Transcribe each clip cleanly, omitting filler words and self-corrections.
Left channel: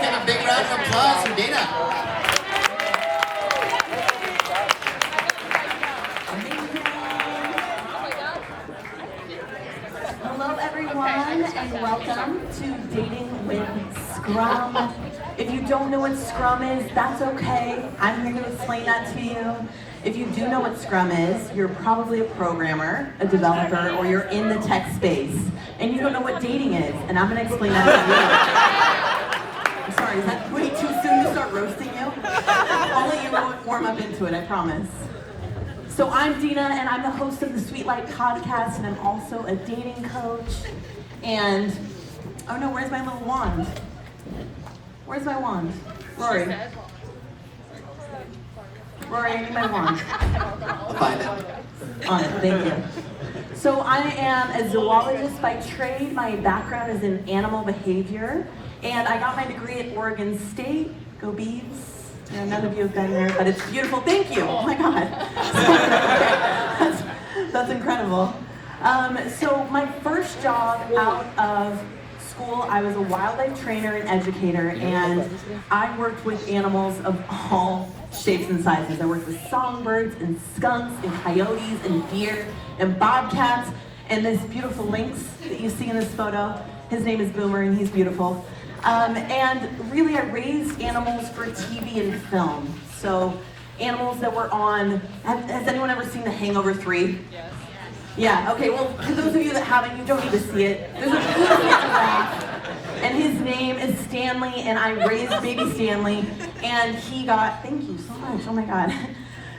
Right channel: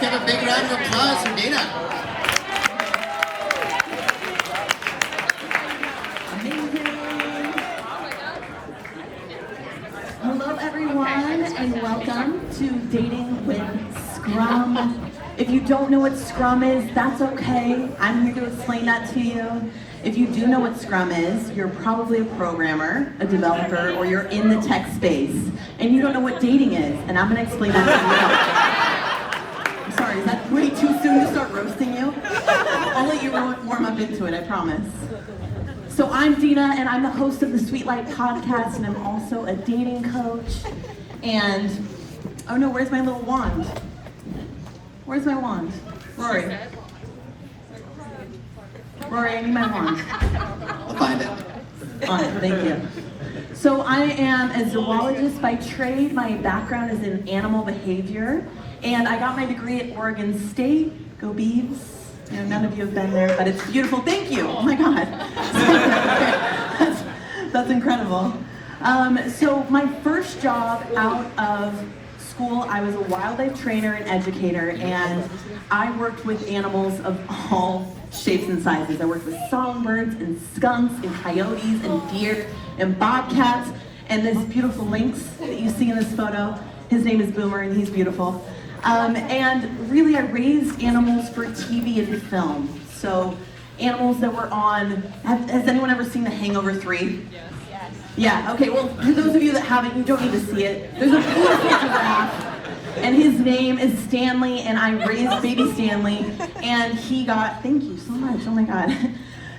Let's give a big round of applause for Dina. Hello everyone and welcome to Dating with Scrum. If you don't know what Scrum is, that's okay. I'm here to explain that to you. If you do know what Scrum is, you're probably a programmer, a developer, or you're in the tech space, and you don't know what dating is, and I'm going to explain that to you. I'm sorry, is that way too soon to start roasting you? I'll let you warm up into it, I promise. So I'm Dina, and I'm the host of the Sweet Light podcast, and I'm also a dating coach. And, oh no, where's my little wand? Where's my wand? Rory. Rory, I need my wand. I'll find it. On it, thank you. So I am a zoologist by trade. My background is in animal behavior, and I got my degree at Oregon State. Go Beavs. I know none of you have been there, but it's beautiful. Thank you. Oh my God. That's incredible. So my first job out of school, I was a wildlife trainer and educator, and I worked with animals of all shapes and sizes. I worked with songbirds and skunks and coyotes and deer and bobcats and this beautiful lynx that you see in this photo. His name is Boomer and he's beautiful. And really I raised animals for TV and film. So animals that were on, has anyone ever seen The Hangover 3? Yeah, okay, well, for those of you that haven't, you don't need to see it. There's a beautiful giraffe, and his name is Stanley, and I raised baby Stanley, and he got, thank you so much, oh my God,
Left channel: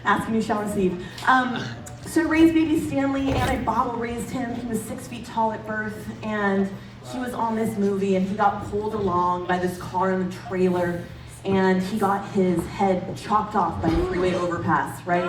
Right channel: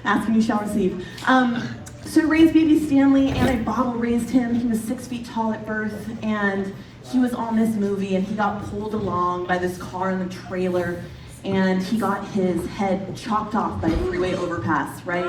asking you shall receive. So I raised baby Stanley, and I bottle raised him. He was 6 feet tall at birth, and he was on this movie, and he got pulled along by this car in the trailer, and he got his head chopped off by the freeway overpass, right?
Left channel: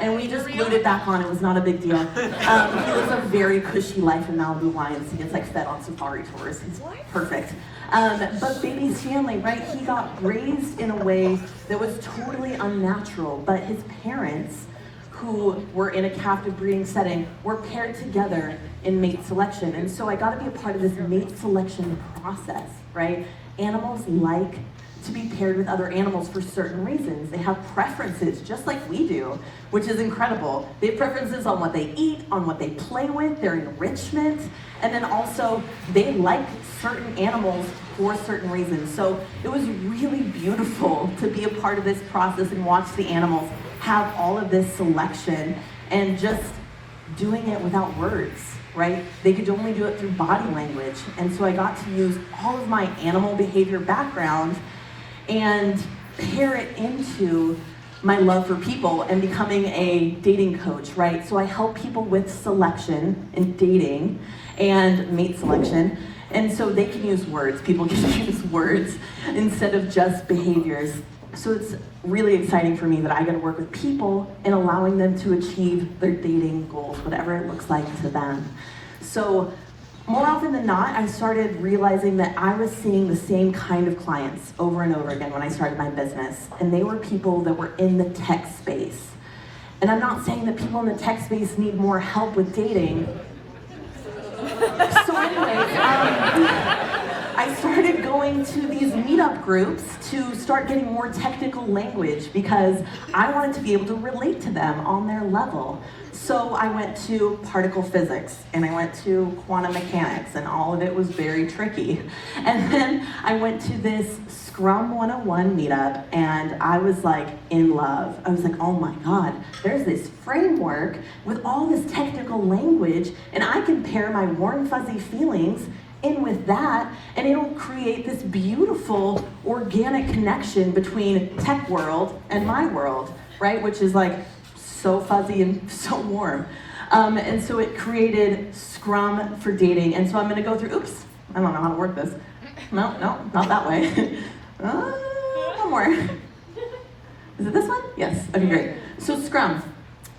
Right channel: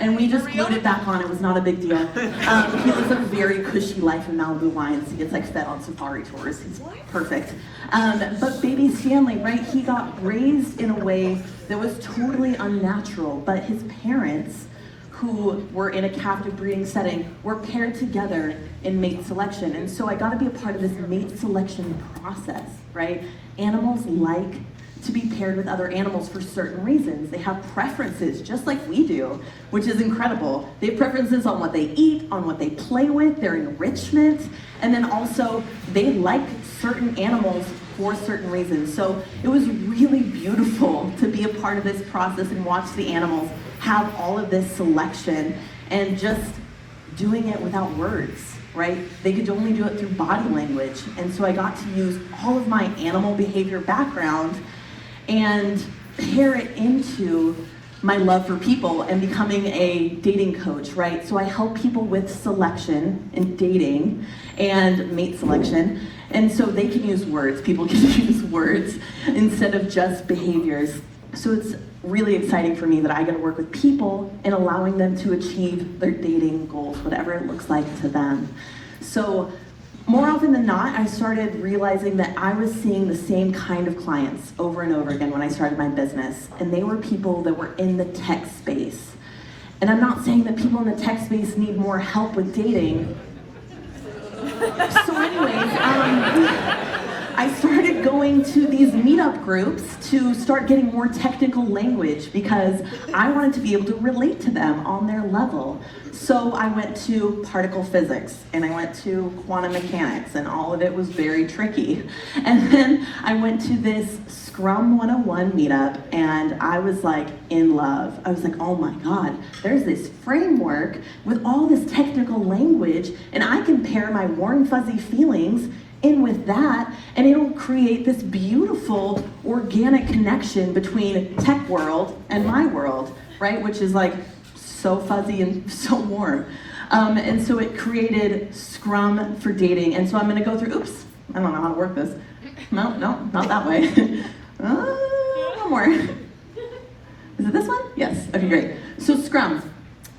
And we just glued it back on. It was not a big deal. He lives a very cushy life in Malibu Wines. He gets like fed on safari tours. He's perfect. But baby Stanley, right, he got raised in a way that was totally unnatural. But his parents, who were in a captive breeding setting, were paired together in mate selection. And so I got to be a part of this mate selection process, right? Animals like to be paired with other animals for certain reasons. They have preferences, just like we do, which is incredible. They have preferences on what they eat, on what they play with, their enrichment, and then also they like certain animals for certain reasons. So it was really beautiful to be a part of this process and watch the animals have all of this selection and just doing it without words, right? They could only do it through body language. And so I got to use all of my animal behavior background and pair it into my love for people and becoming a dating coach, right? So I help people with selection and dating and mate selection. And so they can use words, people can use words instead of just behaviors. So it's really exciting for me that I get to work with people and allowing them to achieve their dating goals, whatever it looks like to them. So more often than not, I started realizing that I was seeing the same kind of clients over and over again when I started my business. And they were people that were in the tech space. And I'm not saying that people in the tech space need more help with dating. So anyways, I started going to these meetup groups to start getting more technical language because I wanted to be able to relate to them on their level. So I went to particle physics and I went to quantum mechanics and all of it was very tricky. And then I went to this Scrum 101 meetup and I was like in love. I was like, oh my God, there's this framework with all this technical language and I can pair my warm fuzzy feelings in with that and it'll create this beautiful organic connection between tech world and my world, right? Which is like so fuzzy and so warm. And so it created Scrum for dating. And so I'm gonna go through, oops, I don't know how to work this. No, not that way. One more. Is it this one? Yes, okay, great. So Scrum.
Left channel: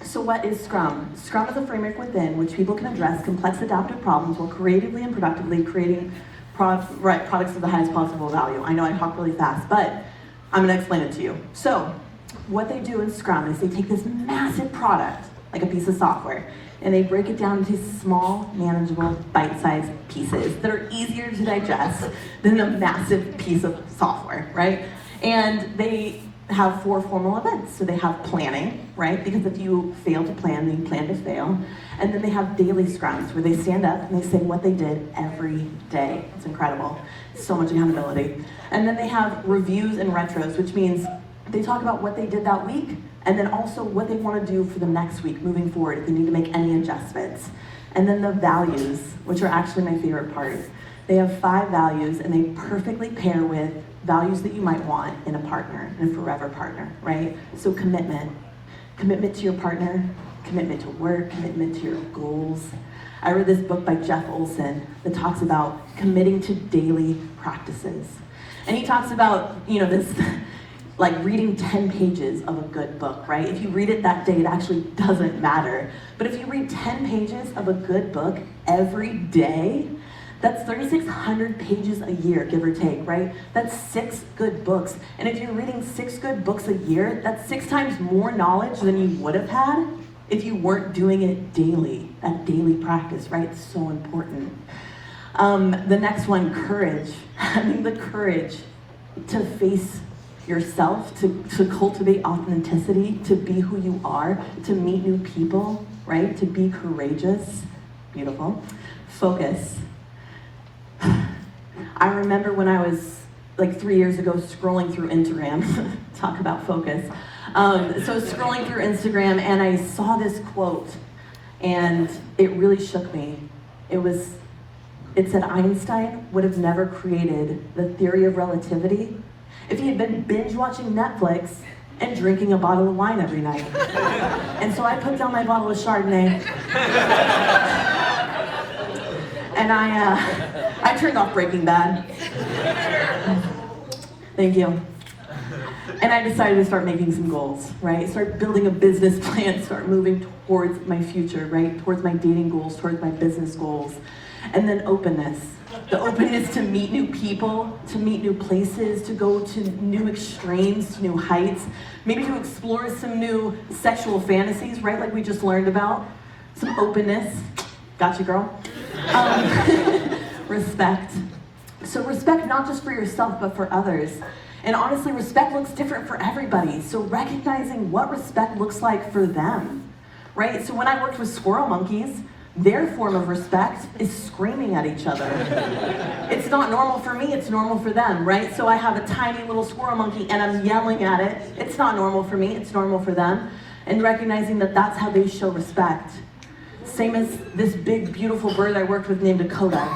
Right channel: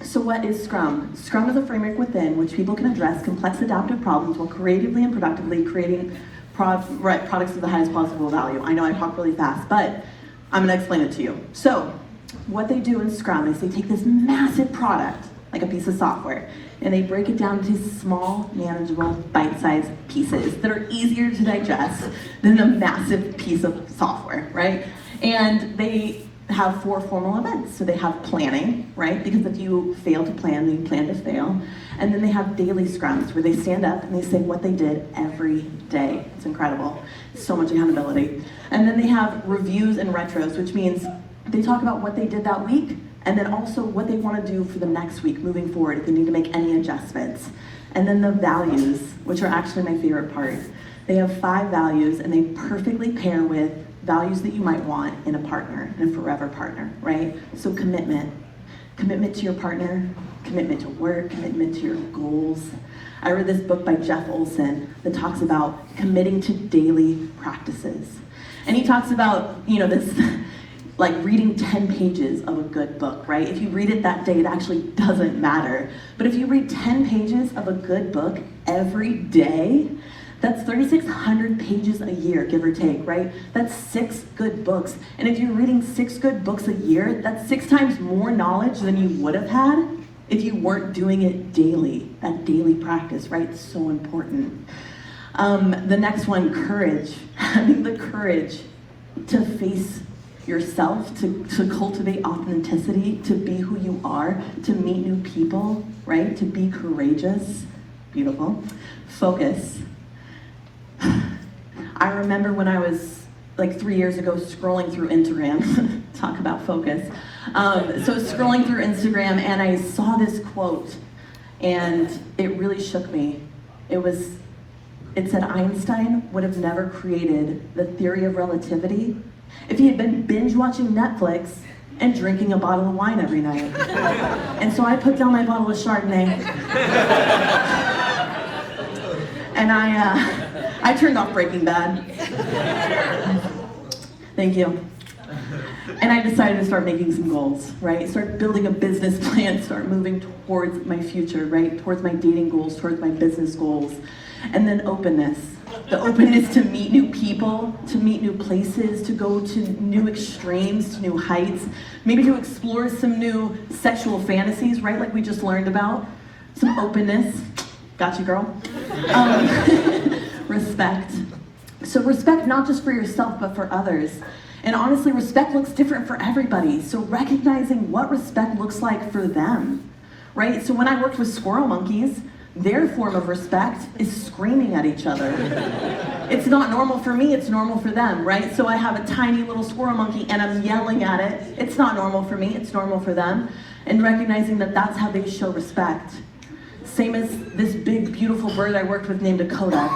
So what is Scrum? Scrum is a framework within which people can address complex adaptive problems while creatively and productively creating products of the highest possible value. I know I talk really fast, but I'm gonna explain it to you. So what they do in Scrum is they take this massive product, like a piece of software, and they break it down into small, manageable, bite-sized pieces that are easier to digest than a massive piece of software, right? And they have 4 formal events. So they have planning, right? Because if you fail to plan, then you plan to fail. And then they have daily scrums where they stand up and they say what they did every day. It's incredible. So much accountability. And then they have reviews and retros, which means they talk about what they did that week and then also what they want to do for the next week moving forward if they need to make any adjustments. And then the values, which are actually my favorite part. They have 5 values and they perfectly pair with values that you might want in a partner, in a forever partner, right? So commitment to your partner, commitment to work, commitment to your goals. I read this book by Jeff Olson that talks about committing to daily practices. And he talks about, this, like reading 10 pages of a good book, right? If you read it that day, it actually doesn't matter. But if you read 10 pages of a good book every day, that's 3,600 pages a year, give or take, right? That's 6 good books. And if you're reading 6 good books a year, that's 6 times more knowledge than you would have had if you weren't doing it daily, that daily practice, right? It's so important. The next one, courage. Having the courage to face yourself, to cultivate authenticity, to be who you are, to meet new people, right? To be courageous. Beautiful. Focus. I remember when I was like 3 years ago scrolling through Instagram, talk about focus. So scrolling through Instagram and I saw this quote and it really shook me. It said Einstein would have never created the theory of relativity if he had been binge watching Netflix and drinking a bottle of wine every night. And so I put down my bottle of Chardonnay and I turned off Breaking Bad. Thank you. And I decided to start making some goals, right? Start building a business plan, start moving towards my future, right? Towards my dating goals, towards my business goals. And then openness. The openness to meet new people, to meet new places, to go to new extremes, to new heights, maybe to explore some new sexual fantasies, right? Like we just learned about. Some openness. Gotcha, girl. Respect. So respect not just for yourself, but for others. And honestly, respect looks different for everybody. So recognizing what respect looks like for them, right? So when I worked with squirrel monkeys, their form of respect is screaming at each other. It's not normal for me, it's normal for them, right? So I have a tiny little squirrel monkey and I'm yelling at it. It's not normal for me, it's normal for them. And recognizing that that's how they show respect. Same as this big, beautiful bird I worked with named Dakota.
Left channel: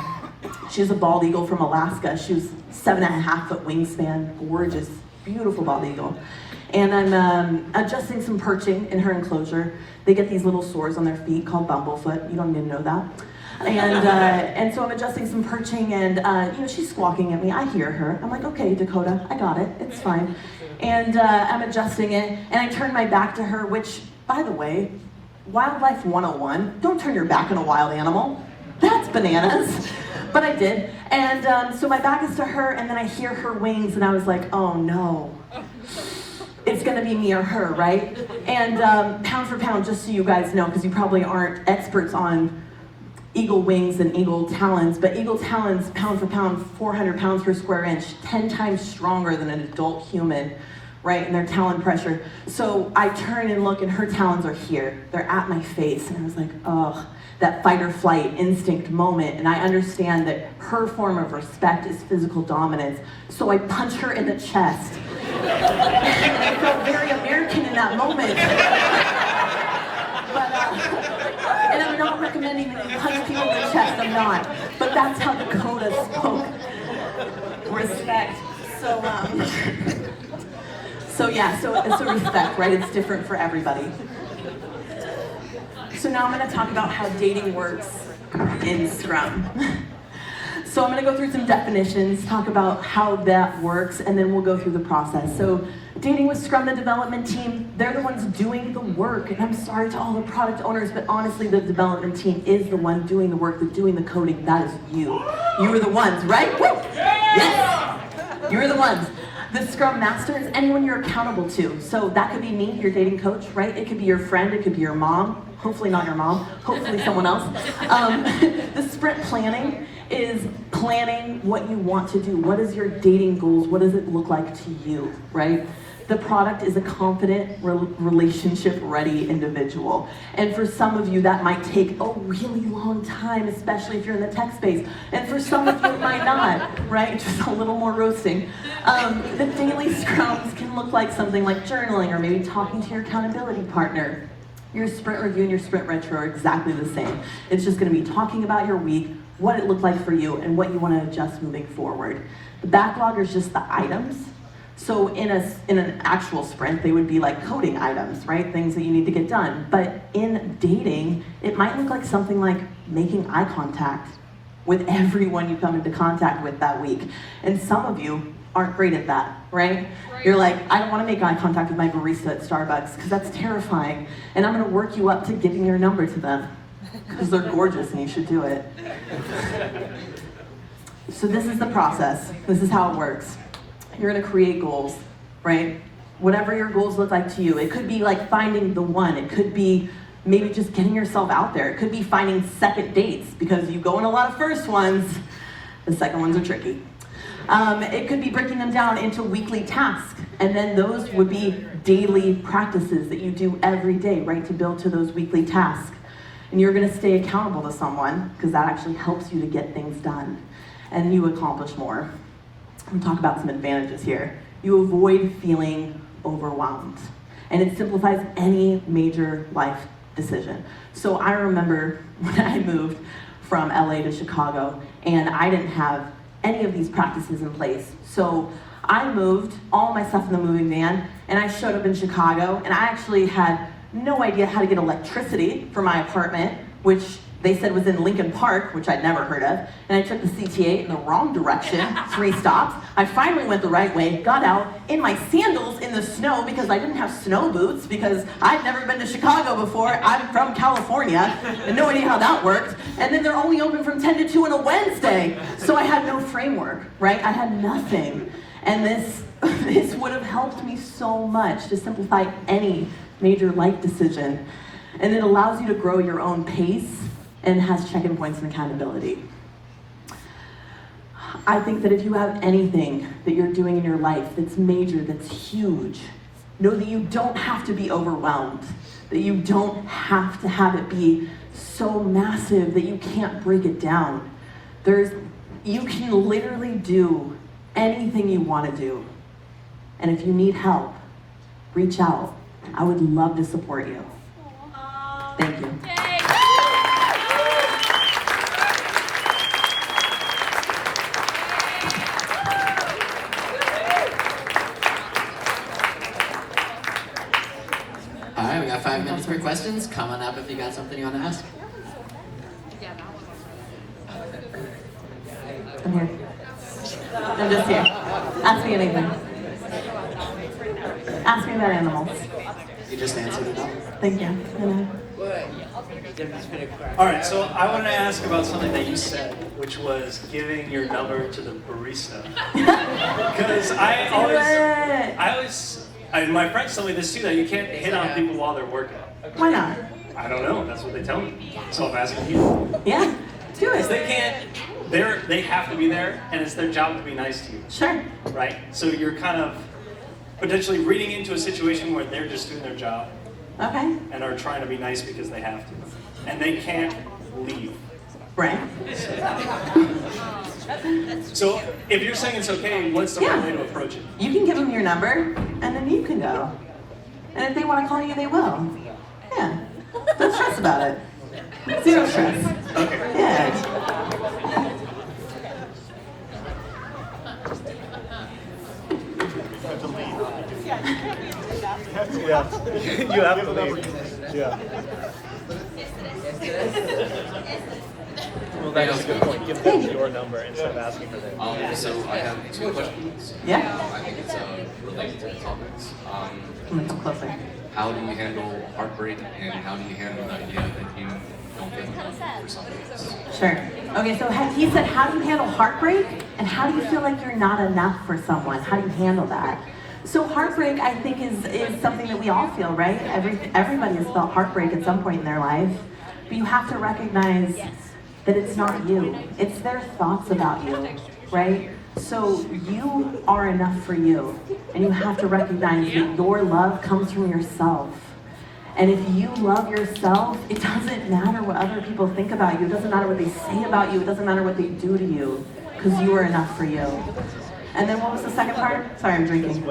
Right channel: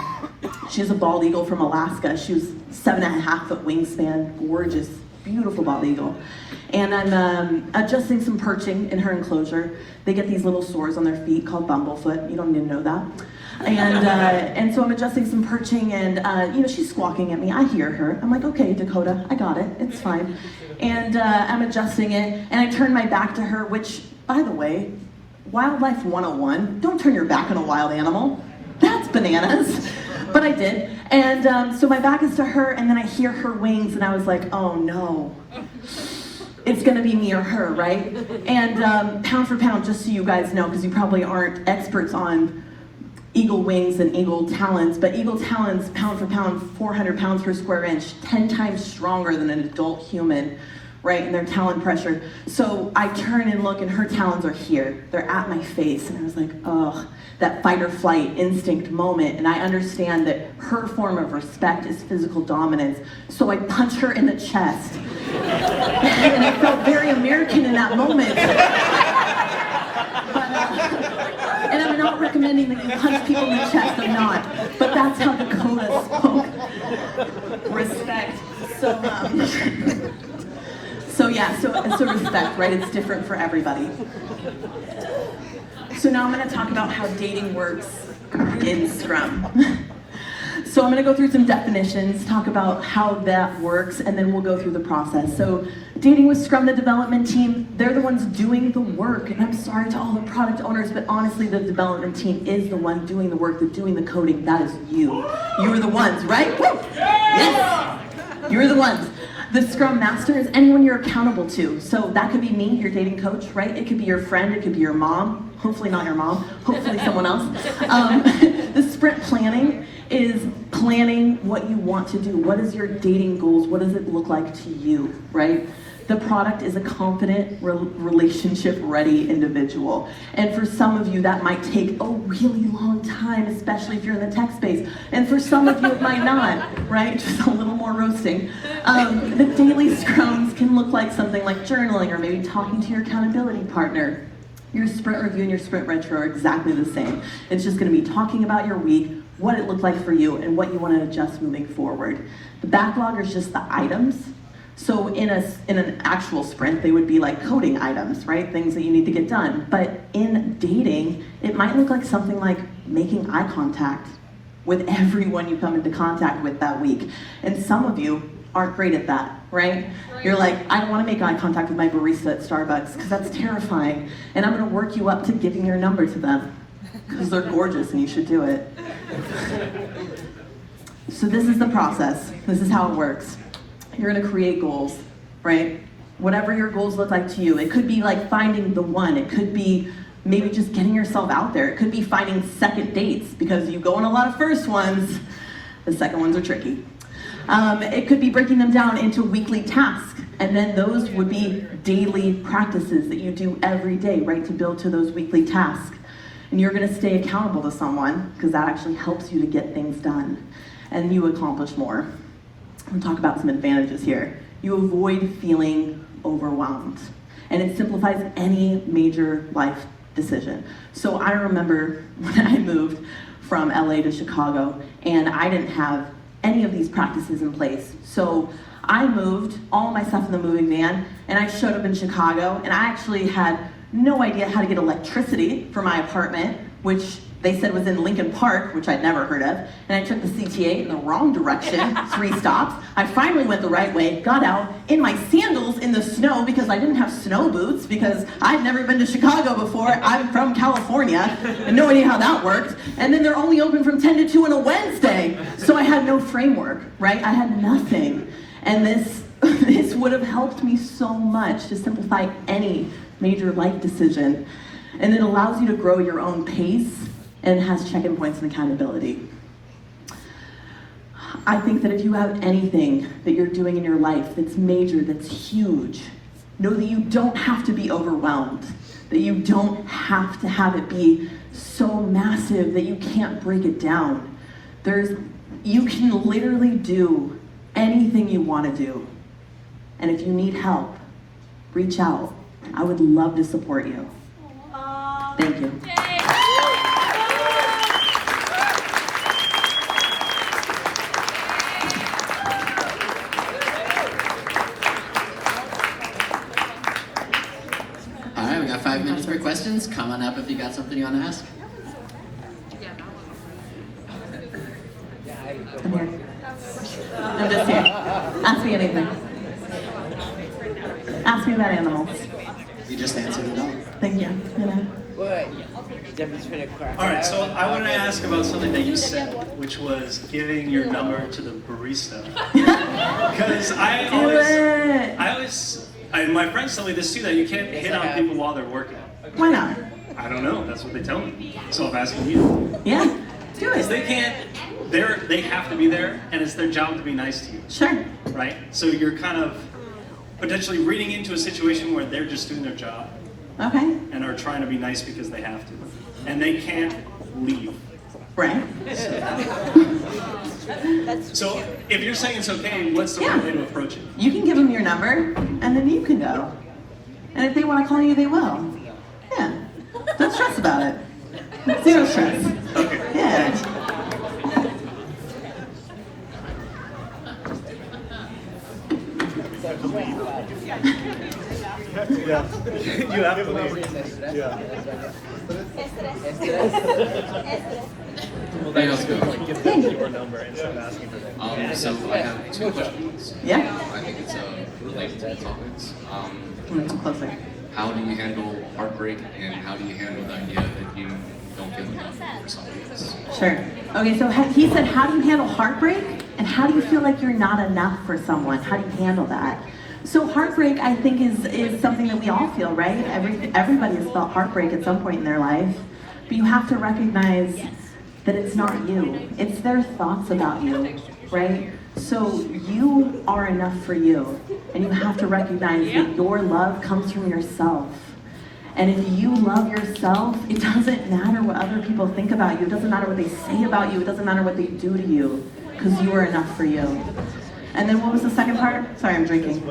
She's a bald eagle from Alaska. She was 7.5 foot wingspan, gorgeous, beautiful bald eagle. And I'm adjusting some perching in her enclosure. They get these little sores on their feet called bumblefoot. You don't need to know that. And so I'm adjusting some perching and she's squawking at me. I hear her. I'm like, okay, Dakota, I got it. It's fine. And I'm adjusting it and I turn my back to her, which, by the way, Wildlife 101, don't turn your back on a wild animal. That's bananas. But I did. And so my back is to her and then I hear her wings and I was like, oh no. It's gonna be me or her, right? And pound for pound, just so you guys know, because you probably aren't experts on eagle wings and eagle talons, but eagle talons, pound for pound, 400 pounds per square inch, 10 times stronger than an adult human, right? And their talon pressure. So I turn and look and her talons are here. They're at my face. And I was like, oh, that fight or flight instinct moment. And I understand that her form of respect is physical dominance. So I punch her in the chest. And I felt very American in that moment. And I'm not recommending that you punch people in the chest, I'm not. But that's how Dakota spoke. Respect. So respect, right? It's different for everybody. So now I'm going to talk about how dating works in Scrum. So I'm going to go through some definitions, talk about how that works, and then we'll go through the process. So dating with Scrum, the development team, they're the ones doing the work. And I'm sorry to all the product owners, but honestly, the development team is the one doing the work, doing the coding. That is you. You're the ones, right? Woo! Yes! You're the ones. The Scrum Master is anyone you're accountable to. So that could be me, your dating coach, right? It could be your friend, it could be your mom. Hopefully not your mom, hopefully someone else. The sprint planning is planning what you want to do. What is your dating goals? What does it look like to you, right? The product is a confident, relationship-ready individual. And for some of you, that might take a really long time, especially if you're in the tech space. And for some of you, it might not, right? Just a little more roasting. The daily scrums can look like something like journaling or maybe talking to your accountability partner. Your sprint review and your sprint retro are exactly the same. It's just gonna be talking about your week, what it looked like for you, and what you wanna adjust moving forward. The backlog is just the items. So in an actual sprint, they would be like coding items, right? Things that you need to get done. But in dating, it might look like something like making eye contact with everyone you come into contact with that week. And some of you aren't great at that, right? You're like, I don't want to make eye contact with my barista at Starbucks because that's terrifying. And I'm going to work you up to giving your number to them because they're gorgeous and you should do it. So this is the process. This is how it works. You're gonna create goals, right? Whatever your goals look like to you. It could be like finding the one. It could be maybe just getting yourself out there. It could be finding second dates because you go on a lot of first ones. The second ones are tricky. It could be breaking them down into weekly tasks. And then those would be daily practices that you do every day, right? To build to those weekly tasks. And you're gonna stay accountable to someone because that actually helps you to get things done. And you accomplish more. I'm gonna talk about some advantages here. You avoid feeling overwhelmed, and it simplifies any major life decision. So I remember when I moved from LA to Chicago, and I didn't have any of these practices in place. So I moved all my stuff in the moving van, and I showed up in Chicago, and I actually had no idea how to get electricity for my apartment, which they said was in Lincoln Park, which I'd never heard of, and I took the CTA in the wrong direction, 3 stops. I finally went the right way, got out in my sandals in the snow because I didn't have snow boots because I'd never been to Chicago before. I'm from California, and no idea how that worked. And then they're only open from 10 to 2 on a Wednesday, so I had no framework, right? I had nothing. And this would have helped me so much to simplify any major life decision. And it allows you to grow your own pace and has check-in points and accountability. I think that if you have anything that you're doing in your life that's major, that's huge, know that you don't have to be overwhelmed, that you don't have to have it be so massive that you can't break it down. You can literally do anything you want to do. And if you need help, reach out. I would love to support you. Thank you. All right, we got 5 minutes for questions. Come on up if you got something you want to ask. I'm here. I'm just here. Ask me anything. Ask me about animals. You just answered it all. Thank you. All right, so I want to ask about something that you said, which was giving your number to the barista. Because my friends tell me this too, that you can't hit on people while they're working. Why not? I don't know, that's what they tell me. So I'm asking you. Yeah, do Because it. they can't, they have to be there, and it's their job to be nice to you, Sure. right? So you're kind of potentially reading into a situation where they're just doing their job Okay. and are trying to be nice because they have to. And they can't leave. Right. So if you're saying it's okay, what's the right way to approach it? You can give them your number, and then you can go. And if they want to call you, they will. Yeah. Don't stress about it. Zero stress. Okay. Yeah. You have to leave. Yeah. Hey, how's it going? Hey. So I have 2 questions. Yeah. I think it's related to the topics. Closer. How do you handle heartbreak, and how do you handle the idea that you don't feel enough for somebody else. Sure. Okay, so he said, how do you handle heartbreak? And how do you feel like you're not enough for someone? How do you handle that? So heartbreak, I think, is something that we all feel, right? Everybody has felt heartbreak at some point in their life. But you have to recognize that it's not you. It's their thoughts about you, right? So you are enough for you. And you have to recognize that your love comes from yourself. And if you love yourself, it doesn't matter what other people think about you. It doesn't matter what they say about you. It doesn't matter what they do to you, because you are enough for you. And then what was the second part? Sorry, I'm drinking.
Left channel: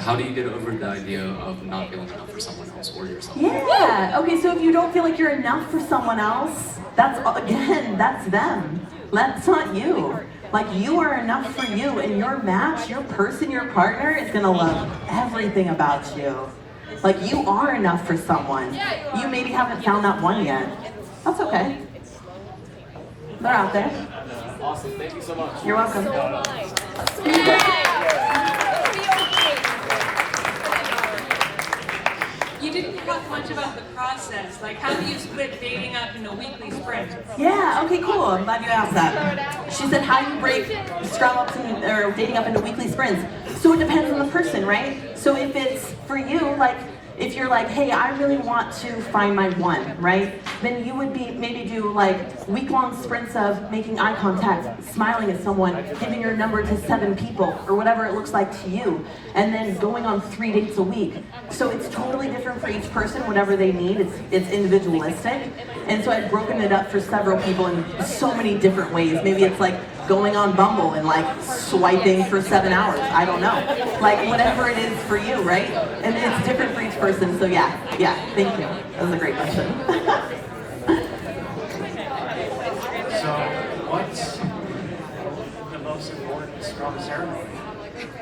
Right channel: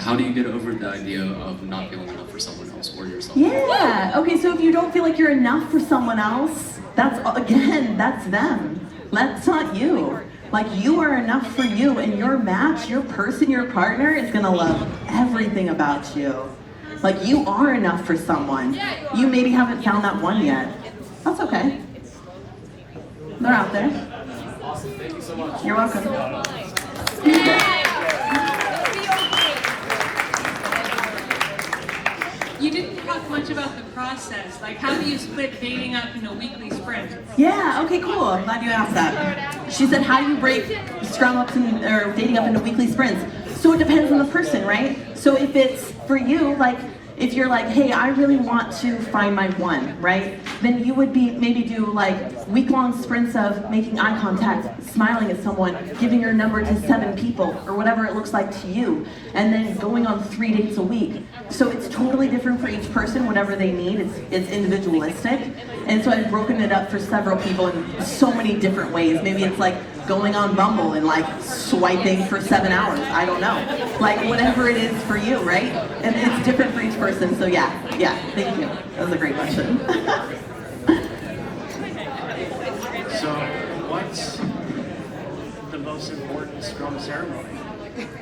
How do you get over the idea of not feeling enough for someone else or yourself? Yeah, okay, so if you don't feel like you're enough for someone else, that's them. That's not you. Like, you are enough for you, and your match, your person, your partner is gonna love everything about you. Like, you are enough for someone. You maybe haven't found that one yet. That's okay. They're out there. Awesome, thank you so much. You're welcome. You didn't talk much about the process. Like, how do you split dating up into weekly sprints? Yeah, okay, cool. I'm glad you asked that. She said, how do you break Scrum up or dating up into weekly sprints? So it depends on the person, right? So if it's for you, like, if you're like, hey, I really want to find my one, right? Then you would maybe do like week-long sprints of making eye contact, smiling at someone, giving your number to 7 people, or whatever it looks like to you, and then going on 3 dates a week. So it's totally different for each person, whatever they need. It's individualistic. And so I've broken it up for several people in so many different ways. Maybe it's like going on Bumble and like swiping for 7 hours. I don't know. Like whatever it is for you, right? And it's different for each person. So yeah, thank you. That was a great question. So, what's the most important Scrum ceremony?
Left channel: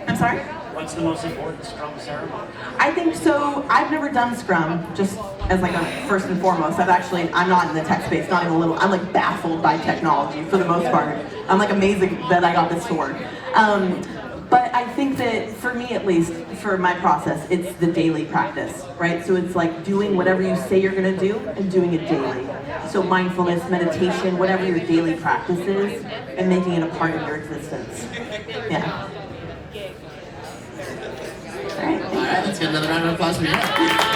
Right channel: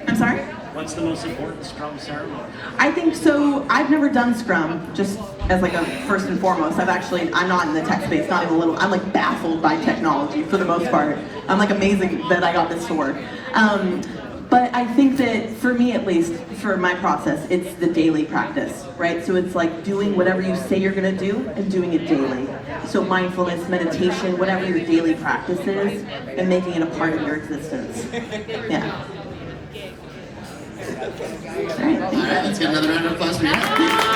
I'm sorry? What's the most important Scrum ceremony? I think so. I've never done Scrum, just as like a first and foremost. I'm not in the tech space, not even a little. I'm like baffled by technology for the most part. I'm like amazing that I got this to work. But I think that for me at least, for my process, it's the daily practice, right? So it's like doing whatever you say you're gonna do and doing it daily. So mindfulness, meditation, whatever your daily practice is, and making it a part of your existence. Yeah. All right, thank you. All right, let's get another round of applause for you.